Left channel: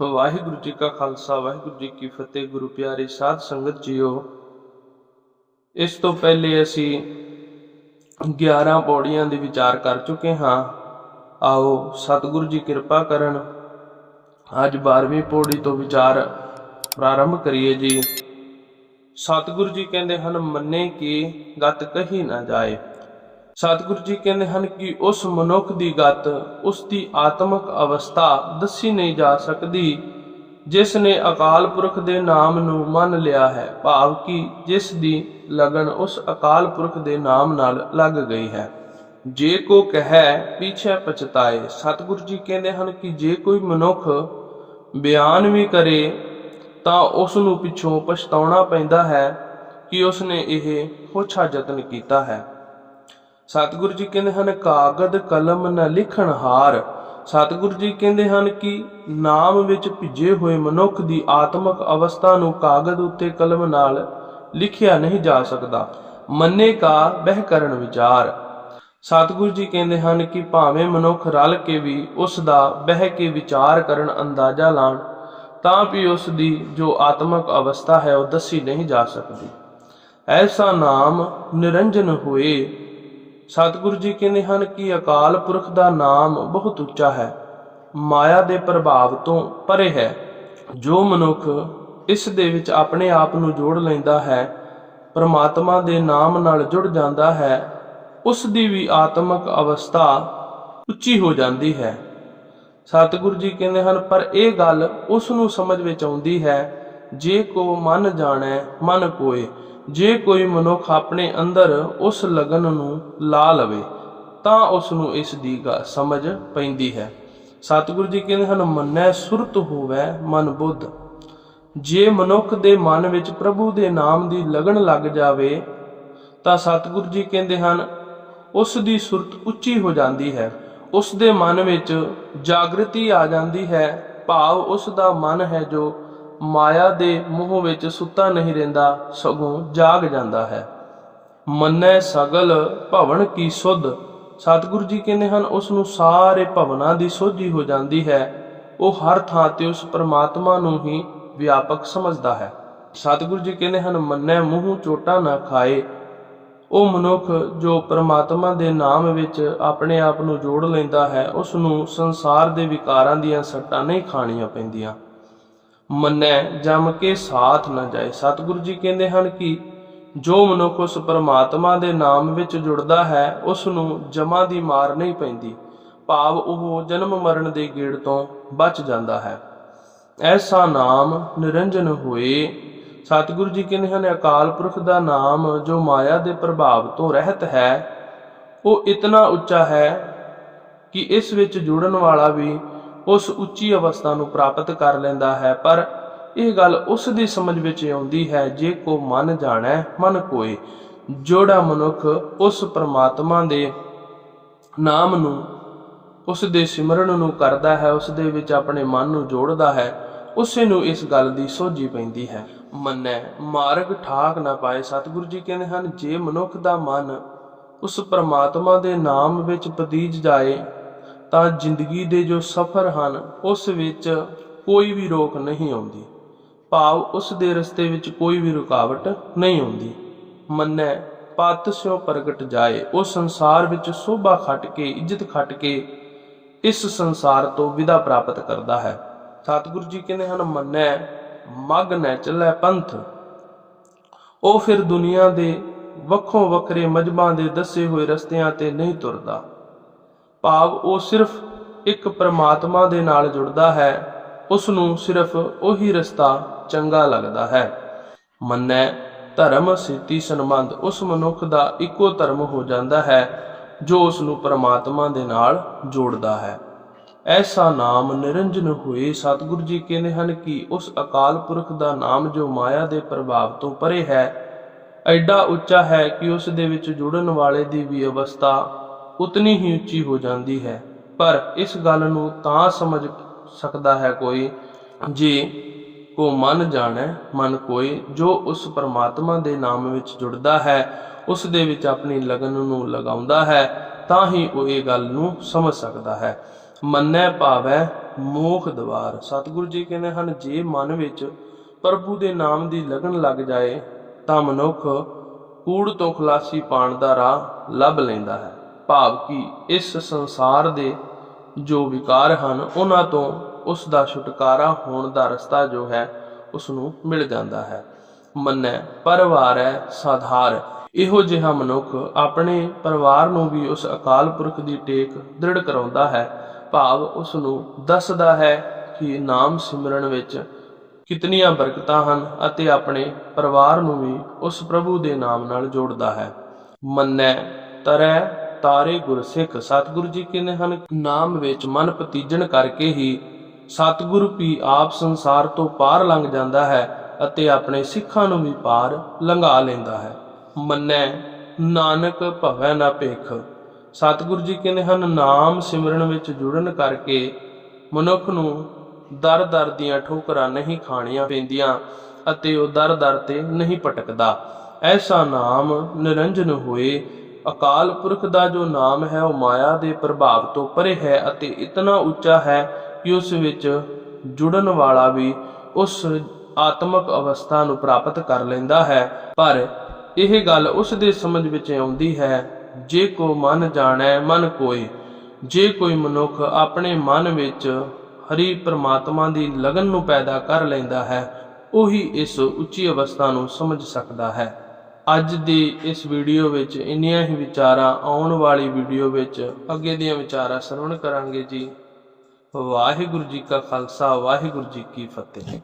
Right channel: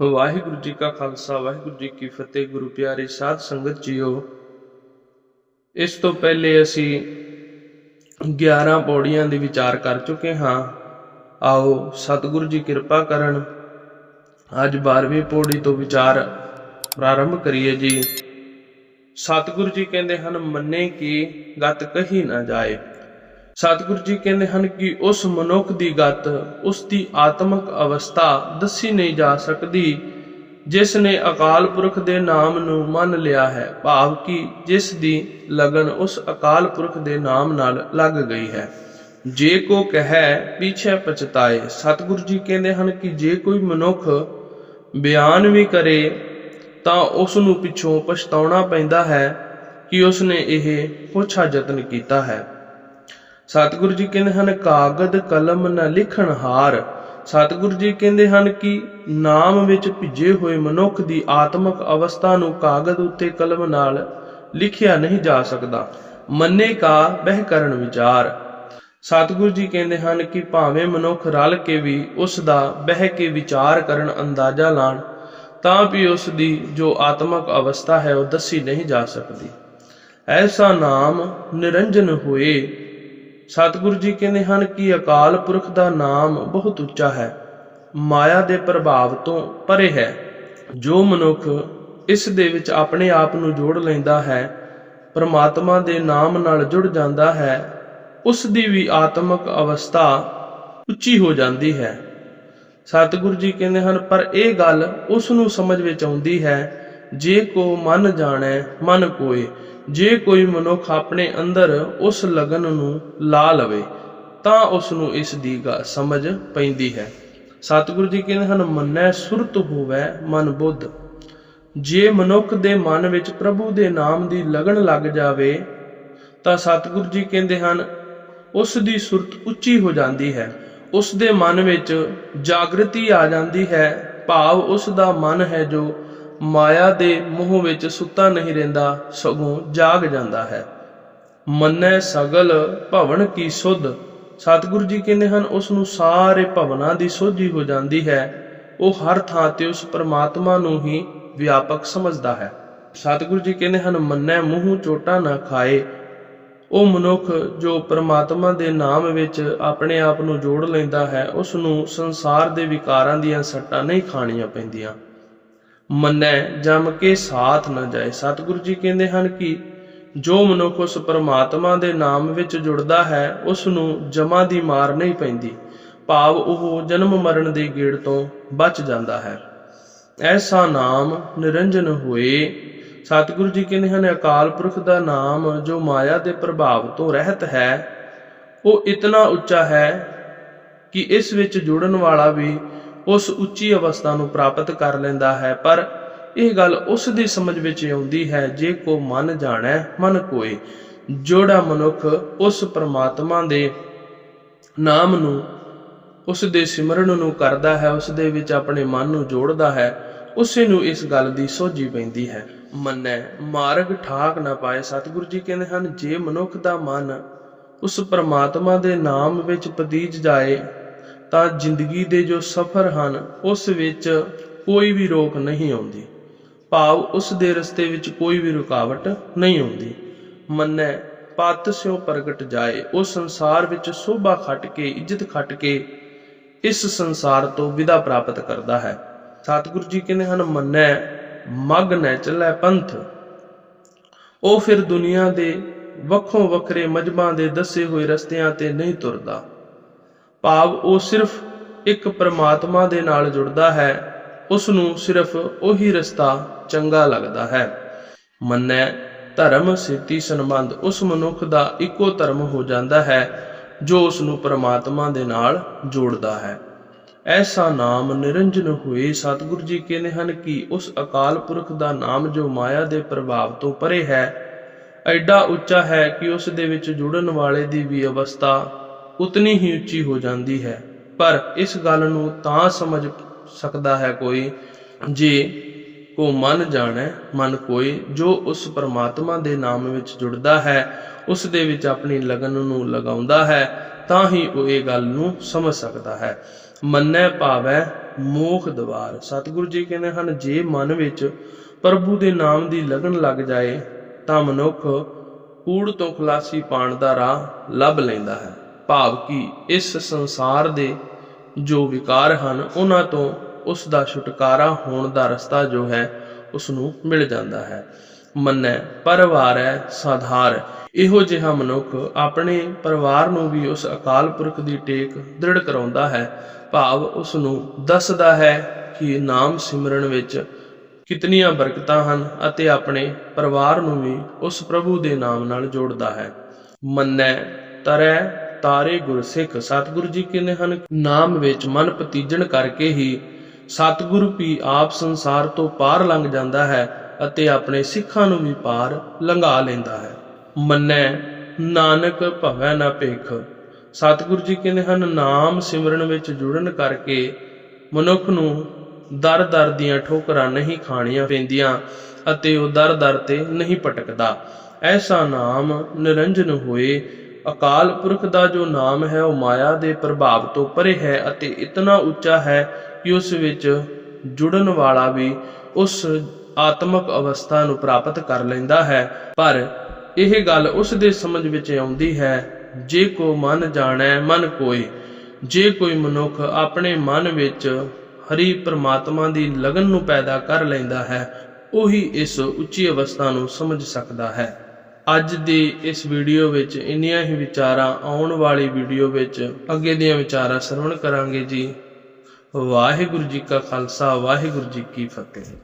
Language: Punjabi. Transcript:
ਵਾਹਿਗੁਰੂ ਜੀ ਕਾ ਖਾਲਸਾ, ਵਾਹਿਗੁਰੂ ਜੀ ਕੀ ਫਤਿਹ। ਗੁਰੂ ਪਿਆਰੇ ਸਾਧ ਸੰਗਤ ਜੀਓ, ਇਸ ਤੋਂ ਪਹਿਲੇ ਅਸੀਂ 11 ਪੌੜੀਆਂ ਦੇ ਵਿਚਾਰ ਕਰ ਚੁੱਕੇ ਹਾਂ। ਆਓ, ਸਤਿਗੁਰੂ ਜੀ ਕਿਰਪਾ ਕਰਨ, ਅੱਜ 12ਵੀਂ ਪੌੜੀ ਤੋਂ ਵਿਚਾਰ ਪ੍ਰਾਰੰਭ ਕਰੀਏ ਜੀ। ਸਤਿਗੁਰੂ ਜੀ ਕਹਿੰਦੇ ਹਨ, ਮੰਨੇ ਕੀ ਗਤ ਕਹੀ ਨਾ ਜਾਏ। ਸਤਿਗੁਰੂ ਜੀ ਕਹਿੰਦੇ ਹਨ ਕਿ ਉਸ ਮਨੁੱਖ ਦੀ ਗਤ, ਉਸ ਦੀ ਆਤਮਿਕ ਅਵਸਥਾ ਦੱਸੀ ਨਹੀਂ ਜਾ ਸਕਦੀ, ਜਿਸ ਨੇ ਅਕਾਲ ਪੁਰਖ ਦੇ ਨਾਮ ਨੂੰ ਮੰਨ ਲਿਆ ਹੈ, ਭਾਵ ਕਿ ਜਿਸ ਦੀ ਲਗਨ ਉਸ ਅਕਾਲ ਪੁਰਖ ਦੇ ਨਾਮ ਨਾਲ ਲੱਗ ਗਈ ਹੈ। ਜੇ ਕੋ ਕਹੈ, ਪਿਛੈ ਪਛਤਾਏ। ਸਤਿਗੁਰੂ ਜੀ ਕਹਿੰਦੇ ਹਨ ਕਿ ਜੇ ਕੋਈ ਮਨੁੱਖ ਬਿਆਨ ਵੀ ਕਰੇ, ਤਾਂ ਉਸ ਨੂੰ ਪਿੱਛੋਂ ਪਛਤਾਉਣਾ ਪੈਂਦਾ ਹੈ ਕਿ ਉਸ ਨੇ ਇਹ ਪੁੱਛਾ ਯਤਨ ਕੀਤਾ ਹੈ। ਸਤਿਗੁਰੂ ਜੀ ਕਹਿੰਦੇ ਹਨ, ਕਾਗਦ ਕਲਮ ਨਾ ਲਿਖਣ ਹਾਰ। ਸਤਿਗੁਰੂ ਜੀ ਕਹਿੰਦੇ ਹਨ ਕਿ ਨਾਮ ਵਿੱਚ ਭਿੱਜੇ ਹੋਏ ਮਨੁੱਖ ਦੀ ਆਤਮਿਕ ਅਵਸਥਾ ਨੂੰ ਕਾਗਦ ਉੱਤੇ ਕਲਮ ਨਾਲ ਲਿਖਿਆ ਨਹੀਂ ਜਾ ਸਕਦਾ। ਮੰਨੇ ਕਾ ਬਹਿ ਕਰਨ ਵਿਚਾਰ। ਸਤਿਗੁਰੂ ਜੀ ਕਹਿੰਦੇ ਹਨ ਕਿ ਭਾਵੇਂ ਮਨੁੱਖ ਰਲ ਕੇ ਵੀ ਉਸ ਦਾ ਬਹਿ ਕੇ ਵਿਚਾਰ ਕਰਨ ਅੰਦਾਜ਼ਾ ਲਾਣ, ਤਾਂ ਵੀ ਉਸ ਦੀ ਜੋ ਆਤਮਿਕ ਅਵਸਥਾ ਹੈ, ਉਹ ਦੱਸੀ ਨਹੀਂ ਜਾ ਸਕਦੀ। ਐਸਾ ਨਾਮ ਨਿਰੰਜਨ ਹੋਏ ਸਤਿਗੁਰੂ ਜੀ ਕਹਿੰਦੇ ਹਨ ਕਿ ਅਕਾਲ ਪੁਰਖ ਦਾ ਨਾਮ ਬਹੁਤ ਉੱਚਾ ਹੈ, ਮਾਇਆ ਦੇ ਪ੍ਰਭਾਵ ਤੋਂ ਪਰੇ ਹੈ। ਜੋ ਮਨੁੱਖ ਇਸ ਦੇ ਵਿੱਚ ਆਪਣੇ ਆਪ ਨੂੰ ਜੋੜ ਲੈਂਦਾ ਹੈ, ਪਰਮਾਤਮਾ ਦੇ ਨਾਮ ਨਾਲ ਜੁੜ ਜਾਂਦਾ ਹੈ, ਉਸ ਦੀ ਵੀ ਆਤਮਿਕ ਅਵਸਥਾ ਉੱਚੀ ਹੋ ਜਾਂਦੀ ਹੈ। ਸਤਿਗੁਰੂ ਜੀ ਕਹਿੰਦੇ ਹਨ, ਪਰ ਇਹ ਗੱਲ ਉਸ ਨੂੰ ਸਮਝ ਵਿੱਚ ਆਉਂਦੀ ਹੈ, ਜੇ ਕੋ ਮਨ ਜਾਣੈ, ਮਨ ਕੋਏ। ਜੇ ਕੋਈ ਮਨੁੱਖ ਆਪਣੇ ਅੰਦਰ ਉਸ ਲਗਨ ਨੂੰ ਲਾ ਲਵੇ, ਤਾਂ ਉਸ ਨੂੰ ਇਸ ਦੀ ਗ- ਸਮਝ ਪੈਂਦੀ ਹੈ। ਸਤਿਗੁਰੂ ਜੀ ਕਹਿੰਦੇ ਹਨ, ਮੰਨੈ ਸੁਰਤ ਹੋਵੇ ਮਨ ਬੁੱਧ। ਜੇ ਮਨੁੱਖ ਦੇ ਮਨ ਵਿੱਚ ਪ੍ਰਭੂ ਦੇ ਨਾਮ ਦੀ ਲਗਨ ਲੱਗ ਜਾਵੇ, ਤਾਂ ਸਤਿਗੁਰੂ ਜੀ ਕਹਿੰਦੇ ਹਨ, ਉਸ ਦੀ ਸੁਰਤ ਉੱਚੀ ਹੋ ਜਾਂਦੀ ਹੈ। ਉਸ ਦੇ ਮਨ ਵਿੱਚ ਜਾਗਰਤੀ ਆ ਜਾਂਦੀ ਹੈ। ਭਾਵ ਉਸ ਦਾ ਮਨ ਹੈ ਜੋ ਮਾਇਆ ਦੇ ਮੋਹ ਵਿੱਚ ਸੁੱਤਾ ਨਹੀਂ ਰਹਿੰਦਾ, ਸਗੋਂ ਜਾਗ ਜਾਂਦਾ ਹੈ। ਮੰਨੈ ਸਗਲ ਭਵਨ ਕੀ ਸੁਧ। ਸਤਿਗੁਰੂ ਜੀ ਕਹਿੰਦੇ ਹਨ, ਉਸ ਨੂੰ ਸਾਰੇ ਭਵਨਾਂ ਦੀ ਸੋਝੀ ਹੋ ਜਾਂਦੀ ਹੈ। ਉਹ ਹਰ ਥਾਂ ਤੇ ਉਸ ਪਰਮਾਤਮਾ ਨੂੰ ਹੀ ਵਿਆਪਕ ਸਮਝਦਾ ਹੈ। ਸਤਿਗੁਰੂ ਜੀ ਕਹਿੰਦੇ ਹਨ, ਮੰਨੈ ਮੂੰਹ ਚੋਟਾ ਨਾ ਖਾਏ। ਉਹ ਮਨੁੱਖ ਜੋ ਪਰਮਾਤਮਾ ਦੇ ਨਾਮ ਵਿੱਚ ਆਪਣੇ ਆਪ ਨੂੰ ਜੋੜ ਲੈਂਦਾ ਹੈ, ਉਸ ਨੂੰ ਸੰਸਾਰ ਦੇ ਵਿਕਾਰਾਂ ਦੀਆਂ ਸੱਟਾਂ ਨਹੀਂ ਖਾਣੀਆਂ ਪੈਂਦੀਆਂ। ਮੰਨੈ, ਜਮ ਕੇ ਸਾਥ ਨਾ ਜਾਏ। ਸਤਿਗੁਰੂ ਜੀ ਕਹਿੰਦੇ ਹਨ ਕਿ ਜੋ ਮਨੁੱਖ ਉਸ ਪਰਮਾਤਮਾ ਦੇ ਨਾਮ ਵਿੱਚ ਜੁੜਦਾ ਹੈ ਉਸ ਨੂੰ ਜਮਾਂ ਦੀ ਮਾਰ ਨਹੀਂ ਪੈਂਦੀ। ਭਾਵ ਉਹ ਜਨਮ ਮਰਨ ਦੇ ਗੇੜ ਤੋਂ ਬਚ ਜਾਂਦਾ ਹੈ। ਐਸਾ ਨਾਮ ਨਿਰੰਜਨ ਹੋਏ। ਸਤਿਗੁਰੂ ਜੀ ਕਹਿੰਦੇ ਹਨ, ਅਕਾਲ ਪੁਰਖ ਦਾ ਨਾਮ ਜੋ ਮਾਇਆ ਦੇ ਪ੍ਰਭਾਵ ਤੋਂ ਰਹਿਤ ਹੈ, ਉਹ ਇਤਨਾ ਉੱਚਾ ਹੈ ਕਿ ਇਸ ਵਿੱਚ ਜੁੜਨ ਵਾਲਾ ਵੀ ਉਸ ਉੱਚੀ ਅਵਸਥਾ ਨੂੰ ਪ੍ਰਾਪਤ ਕਰ ਲੈਂਦਾ ਹੈ, ਪਰ ਇਹ ਗੱਲ ਉਸ ਦੀ ਸਮਝ ਵਿੱਚ ਆਉਂਦੀ ਹੈ, ਜੇ ਕੋ ਮਨ ਜਾਣੈ, ਮਨ ਕੋਏ। ਜੋੜਾ ਮਨੁੱਖ ਉਸ ਪਰਮਾਤਮਾ ਦੇ ਨਾਮ ਨੂੰ, ਉਸ ਦੇ ਸਿਮਰਨ ਨੂੰ ਕਰਦਾ ਹੈ, ਉਸ ਦੇ ਵਿੱਚ ਆਪਣੇ ਮਨ ਨੂੰ ਜੋੜਦਾ ਹੈ, ਉਸੇ ਨੂੰ ਇਸ ਗੱਲ ਦੀ ਸੋਝੀ ਪੈਂਦੀ ਹੈ। ਮੰਨੈ, ਮਾਰਗ ਠਾਕ ਨਾ ਪਾਏ, ਸਤਿਗੁਰੂ ਜੀ ਕਹਿੰਦੇ ਹਨ, ਜੇ ਮਨੁੱਖ ਦਾ ਮਨ ਉਸ ਪਰਮਾਤਮਾ ਦੇ ਨਾਮ ਵਿੱਚ ਪਤੀਜ ਜਾਏ ਤਾਂ ਜ਼ਿੰਦਗੀ ਦੇ ਜੋ ਸਫ਼ਰ ਹਨ, ਉਸ ਵਿੱਚ ਕੋਈ ਵੀ ਰੋਕ ਨਹੀਂ ਆਉਂਦੀ। ਭਾਵ ਉਸ ਦੇ ਰਸਤੇ ਵਿੱਚ ਕੋਈ ਵੀ ਰੁਕਾਵਟ ਨਹੀਂ ਆਉਂਦੀ। ਮੰਨੈ, ਪਤ ਸਿਓ ਪ੍ਰਗਟ ਜਾਏ, ਉਹ ਸੰਸਾਰ ਵਿੱਚ ਸੋਭਾ ਖੱਟ ਕੇ, ਇੱਜ਼ਤ ਖੱਟ ਕੇ ਇਸ ਸੰਸਾਰ ਤੋਂ ਵਿਦਾ ਪ੍ਰਾਪਤ ਕਰਦਾ ਹੈ। ਸਤਿਗੁਰੂ ਜੀ ਕਹਿੰਦੇ ਹਨ, ਮੰਨੈ, ਮਗ ਨੈ ਚੱਲੈ ਪੰਥ। ਉਹ ਫਿਰ ਦੁਨੀਆ ਦੇ ਵੱਖੋ ਵੱਖਰੇ ਮਜਬਾਂ ਦੇ ਦੱਸੇ ਹੋਏ ਰਸਤਿਆਂ ਤੇ ਨਹੀਂ ਤੁਰਦਾ। ਭਾਵ ਉਹ ਸਿਰਫ ਇੱਕ ਪਰਮਾਤਮਾ ਦੇ ਨਾਲ ਜੁੜਦਾ ਹੈ ਉਸ ਨੂੰ ਸਿਰਫ ਉਹੀ ਰਸਤਾ ਚੰਗਾ ਲੱਗਦਾ ਹੈ। ਮੰਨੈ, ਧਰਮ, ਸਿੱਧੀ ਸੰਬੰਧ ਉਸ ਮਨੁੱਖ ਦਾ ਇੱਕੋ ਧਰਮ ਹੋ ਜਾਂਦਾ ਹੈ, ਜੋ ਉਸ ਨੂੰ ਪ੍ਰਮਾਤਮਾ ਦੇ ਨਾਲ ਜੋੜਦਾ ਹੈ। ਐਸਾ ਨਾਮ ਨਿਰੰਜਨ ਹੋਏ ਸਤਿਗੁਰੂ ਜੀ ਕਹਿੰਦੇ ਹਨ ਕਿ ਉਸ ਅਕਾਲ ਪੁਰਖ ਦਾ ਨਾਮ ਜੋ ਮਾਇਆ ਦੇ ਪ੍ਰਭਾਵ ਤੋਂ ਪਰੇ ਹੈ, ਐਡਾ ਉੱਚਾ ਹੈ ਕਿ ਉਸ ਦੇ ਵਿੱਚ ਜੁੜਨ ਵਾਲੇ ਦੀ ਵੀ ਅਵਸਥਾ ਉਤਨੀ ਹੀ ਉੱਚੀ ਹੋ ਜਾਂਦੀ ਹੈ। ਪਰ ਇਸ ਗੱਲ ਨੂੰ ਤਾਂ ਸਮਝ ਸਕਦਾ ਹੈ ਕੋਈ, ਜੇ ਕੋ ਮਨ ਜਾਣੈ, ਮਨ ਕੋਈ, ਜੋ ਉਸ ਪਰਮਾਤਮਾ ਦੇ ਨਾਮ ਵਿੱਚ ਜੁੜਦਾ ਹੈ, ਉਸ ਦੇ ਵਿੱਚ ਆਪਣੀ ਲਗਨ ਨੂੰ ਲਗਾਉਂਦਾ ਹੈ, ਤਾਂ ਹੀ ਉਹ ਇਹ ਗੱਲ ਨੂੰ ਸਮਝ ਸਕਦਾ ਹੈ। ਮੰਨੈ ਭਾਵੈ ਮੋਖ ਦਵਾਰ। ਸਤਿਗੁਰੂ ਜੀ ਕਹਿੰਦੇ ਹਨ, ਜੇ ਮਨ ਵਿੱਚ ਪ੍ਰਭੂ ਦੇ ਨਾਮ ਦੀ ਲਗਨ ਲੱਗ ਜਾਏ, ਤਾਂ ਮਨੁੱਖ ਕੂੜ ਤੋਂ ਖਲਾਸੀ ਪਾਣ ਦਾ ਰਾਹ ਲੱਭ ਲੈਂਦਾ ਹੈ। ਭਾਵ ਕਿ ਇਸ ਸੰਸਾਰ ਦੇ ਜੋ ਵਿਕਾਰ ਹਨ, ਉਹਨਾਂ ਤੋਂ ਉਸ ਦਾ ਛੁਟਕਾਰਾ ਹੋਣ ਦਾ ਰਸਤਾ ਜੋ ਹੈ ਉਸ ਨੂੰ ਮਿਲ ਜਾਂਦਾ ਹੈ। ਮੰਨੈ, ਪਰਿਵਾਰ ਹੈ ਸਾਧਾਰ। ਇਹੋ ਜਿਹਾ ਮਨੁੱਖ ਆਪਣੇ ਪਰਿਵਾਰ ਨੂੰ ਵੀ ਉਸ ਅਕਾਲ ਪੁਰਖ ਦੀ ਟੇਕ ਦ੍ਰਿੜ ਕਰਾਉਂਦਾ ਹੈ। ਭਾਵ ਉਸ ਨੂੰ ਦੱਸਦਾ ਹੈ ਕਿ ਨਾਮ ਸਿਮਰਨ ਵਿੱਚ ਕਿਤਨੀਆਂ ਬਰਕਤਾਂ ਹਨ ਅਤੇ ਆਪਣੇ ਪਰਿਵਾਰ ਨੂੰ ਵੀ ਉਸ ਪ੍ਰਭੂ ਦੇ ਨਾਮ ਨਾਲ ਜੋੜਦਾ ਹੈ। ਮੰਨੈ, ਤਰੈ ਤਾਰੇ ਗੁਰਸਿੱਖ ਸਤਿਗੁਰੂ ਜੀ ਕਹਿੰਦੇ ਹਨ, ਨਾਮ ਵਿੱਚ ਮਨ ਪਤੀਜਣ ਕਰਕੇ ਹੀ ਸਤਿਗੁਰੂ ਵੀ ਆਪ ਸੰਸਾਰ ਤੋਂ ਪਾਰ ਲੰਘ ਜਾਂਦਾ ਹੈ ਅਤੇ ਆਪਣੇ ਸਿੱਖਾਂ ਨੂੰ ਵੀ ਪਾਰ ਲੰਘਾ ਲੈਂਦਾ ਹੈ। ਮੰਨੈ, ਨਾਨਕ ਭਵੈ ਨਾ ਭੇਖ। ਸਤਿਗੁਰੂ ਜੀ ਕਹਿੰਦੇ ਹਨ, ਨਾਮ ਸਿਮਰਨ ਵਿੱਚ ਜੁੜਨ ਕਰਕੇ ਮਨੁੱਖ ਨੂੰ ਦਰ ਦਰ ਦੀਆਂ ਠੋਕਰਾਂ ਨਹੀਂ ਖਾਣੀਆਂ ਪੈਂਦੀਆਂ ਅਤੇ ਉਹ ਦਰ ਦਰ ਤੇ ਨਹੀਂ ਭਟਕਦਾ। ਐਸਾ ਨਾਮ ਨਿਰੰਜਨ ਹੋਏ ਅਕਾਲ ਪੁਰਖ ਦਾ ਜੋ ਨਾਮ ਹੈ, ਉਹ ਮਾਇਆ ਦੇ ਪ੍ਰਭਾਵ ਤੋਂ ਪਰੇ ਹੈ ਅਤੇ ਇਤਨਾ ਉੱਚਾ ਹੈ ਕਿ ਉਸ ਵਿੱਚ ਜੁੜਨ ਵਾਲਾ ਵੀ ਉਸ ਆਤਮਿਕ ਅਵਸਥਾ ਨੂੰ ਪ੍ਰਾਪਤ ਕਰ ਲੈਂਦਾ ਹੈ। ਪਰ ਇਹ ਗੱਲ ਉਸ ਦੇ ਸਮਝ ਵਿੱਚ ਆਉਂਦੀ ਹੈ, ਜੇ ਕੋ ਮਨ ਜਾਣੈ, ਮਨ ਕੋਈ ਜੇ ਕੋਈ ਮਨੁੱਖ ਆਪਣੇ ਮਨ ਵਿੱਚ ਹਰੀ ਪ੍ਰਮਾਤਮਾ ਦੀ ਲਗਨ ਨੂੰ ਪੈਦਾ ਕਰ ਲੈਂਦਾ ਹੈ, ਉਹੀ ਇਸ ਉੱਚੀ ਅਵਸਥਾ ਨੂੰ ਸਮਝ ਸਕਦਾ ਹੈ। ਅੱਜ ਦੀ ਇਸ ਵੀਡੀਓ ਵਿੱਚ ਇੰਨੀਆਂ ਹੀ ਵਿਚਾਰਾਂ ਆਉਣ ਵਾਲੀ ਵੀਡੀਓ ਵਿੱਚ ਅੱਗੇ ਦੀਆਂ ਵਿਚਾਰਾਂ ਸਰਵਣ ਕਰਾਂਗੇ ਜੀ। ਵਾਹਿਗੁਰੂ ਜੀ ਕਾ ਖਾਲਸਾ, ਵਾਹਿਗੁਰੂ ਜੀ ਕੀ ਫਤਿਹ।